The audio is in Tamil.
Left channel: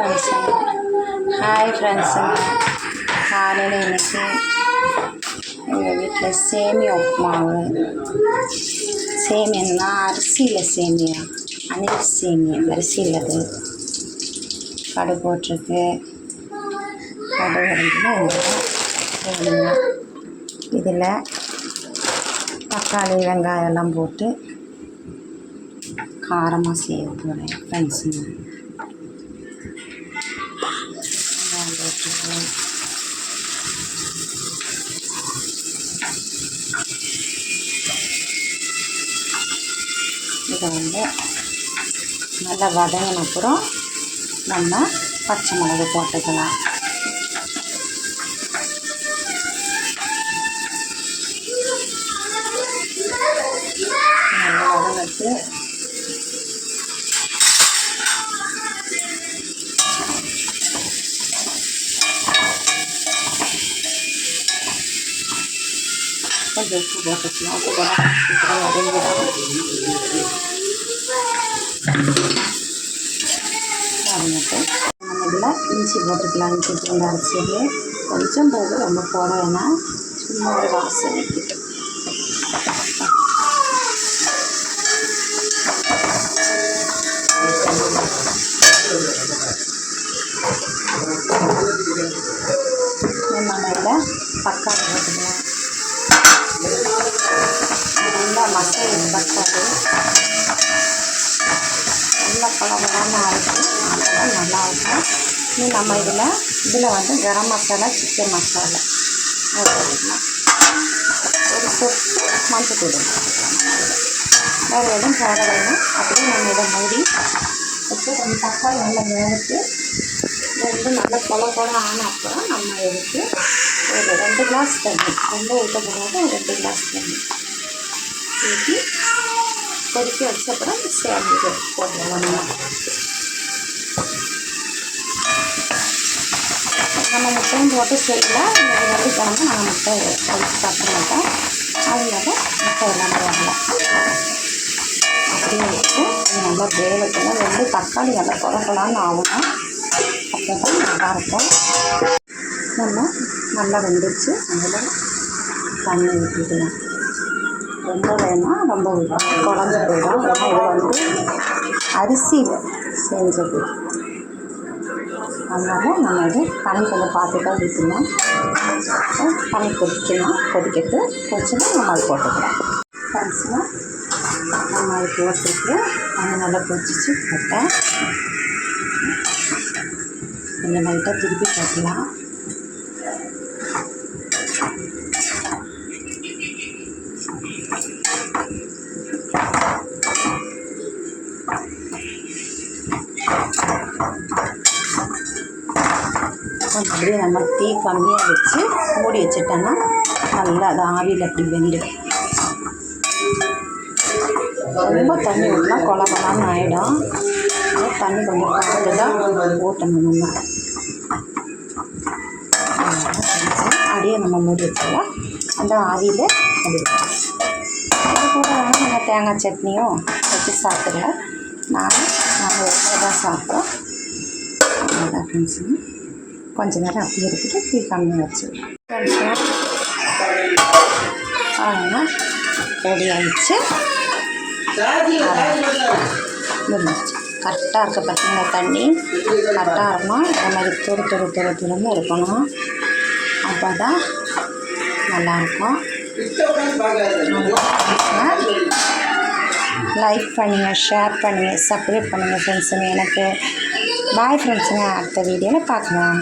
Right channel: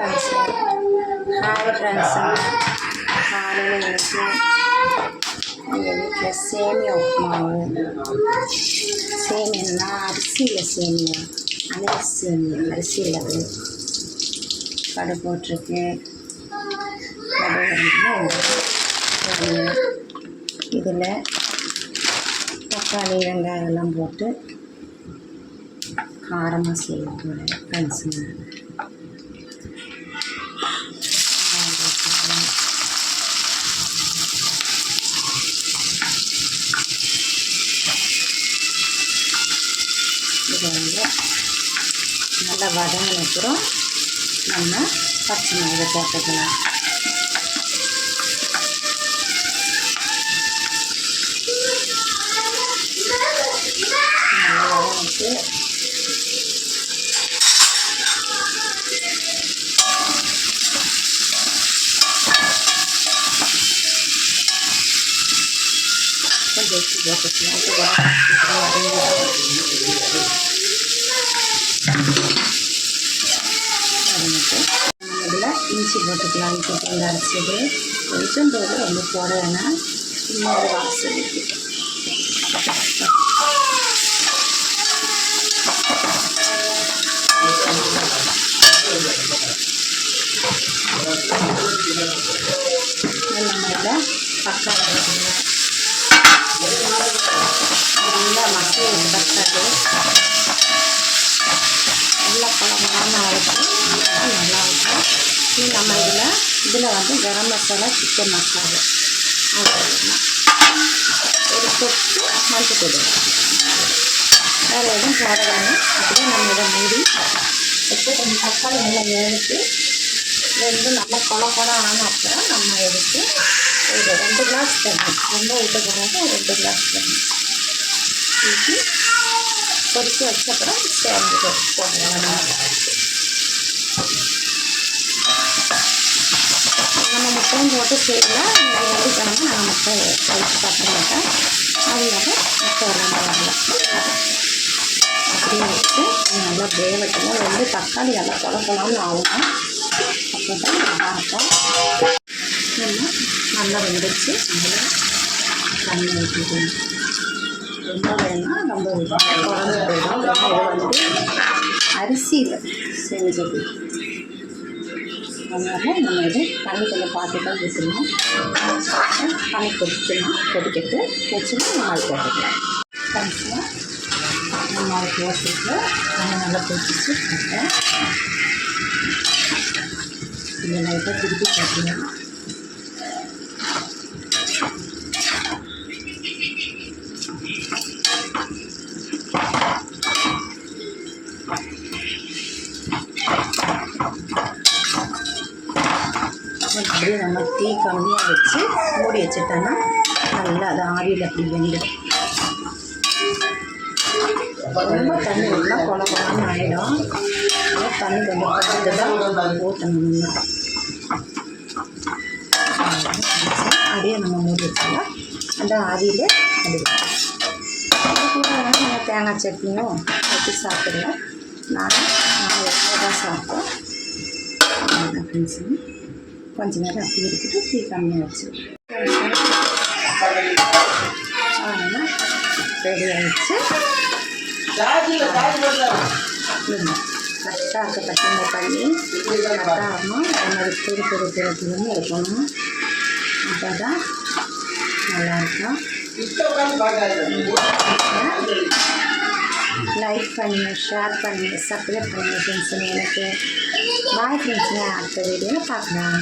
ஹாய் ஃப்ரெண்ட்ஸுங்க, காலையில் இன்றைக்கி எங்கள் வீட்டில் சேமியா உப்புமாவு. சேமியன்னா அரிசியில் சேமியா, அணில் சேமியா அரிசியில் அது கடை போட்டிருக்கு. கடை வந்து சேமியா இதில் தக்காளி வெங்காயம் எல்லாம் போட்டு காரமாக செய்ய போகிறேன் ஃப்ரெண்ட்ஸுங்க. இதை வந்து நல்லா வதங்கின அப்புறம் நம்ம பச்சை மிளகு போட்டுக்கலாம். நல்லா வதங்கிட்டு கொஞ்சம் உப்பு போட்டுக்கலாம். உப்பு போட்டால் சீக்கிரம் வதங்கிடும். வதங்கிட்டு நம்ம இதில் இஞ்சி போட்டுக்கலாம். இஞ்சி பூண்டு அரைச்சது கொஞ்சம் போது ரொம்ப போட வேணாம், இன்னொரு வாசனை. நம்ம இதில் தக்காளி போட்டுக்கலாம். நல்லா மசாலா தக்காளி நல்லா கலராமல் ஆகிட்டு நல்லா இருக்கும். இன்னும் நம்ம இதில் வந்து கரம் மசாலா, சிக்கன் மசாலா போட்டுக்கலாம். ஒரு சொட்டு மஞ்சள் தூள் வேறு எதுவும் போட வேணும். அப்படியே நம்ம இதை மூடி வச்சு கொஞ்சம் தக்காளி நல்லா வேணுட்டு ரெண்டு நல்லா கொல ஆன அப்புறம் நம்ம எடுத்து ஒரு 2 கிளாஸ் தண்ணி, ரொம்ப ஊற்றக்கூடாது, 2 கிளாஸ் தண்ணி ஊற்றி கொதிக்க வச்ச அப்புறம் சேர்ந்து போட்டுக்கலாம். நம்ம முட்டையும் போட்டு செய்யலாம். வெள்ளிக்கிழமை நாங்கள் முட்டை கழிச்சு சாப்பிட மாட்டோம், அதனால முட்டை எல்லாமே வரலாம். அப்படியே வச்சு நல்லா வேகத்தில் 2 தக்காளி நல்லா கொலான்னு ஆகணும். அப்போ தான் நல்லாயிருக்கும். நம்ம நல்லா வெந்துச்சு. அதில் தண்ணி ஊற்றிக்கலாம். ரொம்ப வேணால் ரொம்ப குழம்பு போயிடும். ஏன்னா இதில் வந்து அரிசியில் செஞ்சது, அதனால் நம்ம இது தண்ணி கொஞ்சம் பார்த்து தான் ஊற்றணும். தண்ணி கொதிக்கட்டு வச்சுன்னா நம்ம அது போட்டுக்கலாம். ஃப்ரெண்ட்ஸ்னால் நம்ம அது போட்டுட்டு தண்ணி நல்லா கொதிச்சு போட்டேன். கொஞ்சம் லைட்டாக திருப்பி போட்டுக்கலாம். அப்படியே நம்ம தீ கம்மியாக வச்சு மூடி வச்சுட்டோன்னா நல்லா அது ஆவியில் அப்படி வெந்துடும். ரொம்ப தண்ணி ஊற்றினா கொலான்னு ஆகிடும். தண்ணி கொஞ்சம் கலந்து தான் ஊற்றணும். நம்ம அப்படியே நம்ம மூடி வச்சோம்னா அந்த ஆவியில் வந்துடும். அது கூட நம்ம தேங்காய் சட்னியும் வச்சு சாப்பிடலாம். நாங்கள் எவ்வளோ தான் சாப்பிட்டோம். அவ்வளோதான் ஃப்ரெண்ட்ஸுங்க. கொஞ்சம் நேரம் அப்படியே இருக்குது, தீ கம்மியாக வச்சு அவ்வளோதான் ரெடி ஆகிடுச்சு. கரெக்டாக இருக்க பார்த்தீங்கன்னா தண்ணி கரெக்டாக இருக்கணும். அதே மாதிரி துருன்னு இருக்கணும். அப்போ தான் நல்லாயிருக்கும். லைக் பண்ணுங்கள், ஷேர் பண்ணுங்கள், சப்ஸ்கிரைப் பண்ணுங்கள் ஃப்ரெண்ட்ஸுங்க. எனக்கு பாய் ஃப்ரெண்ட்ஸுங்க. அடுத்த வீடியோவில் பார்க்கலாம்.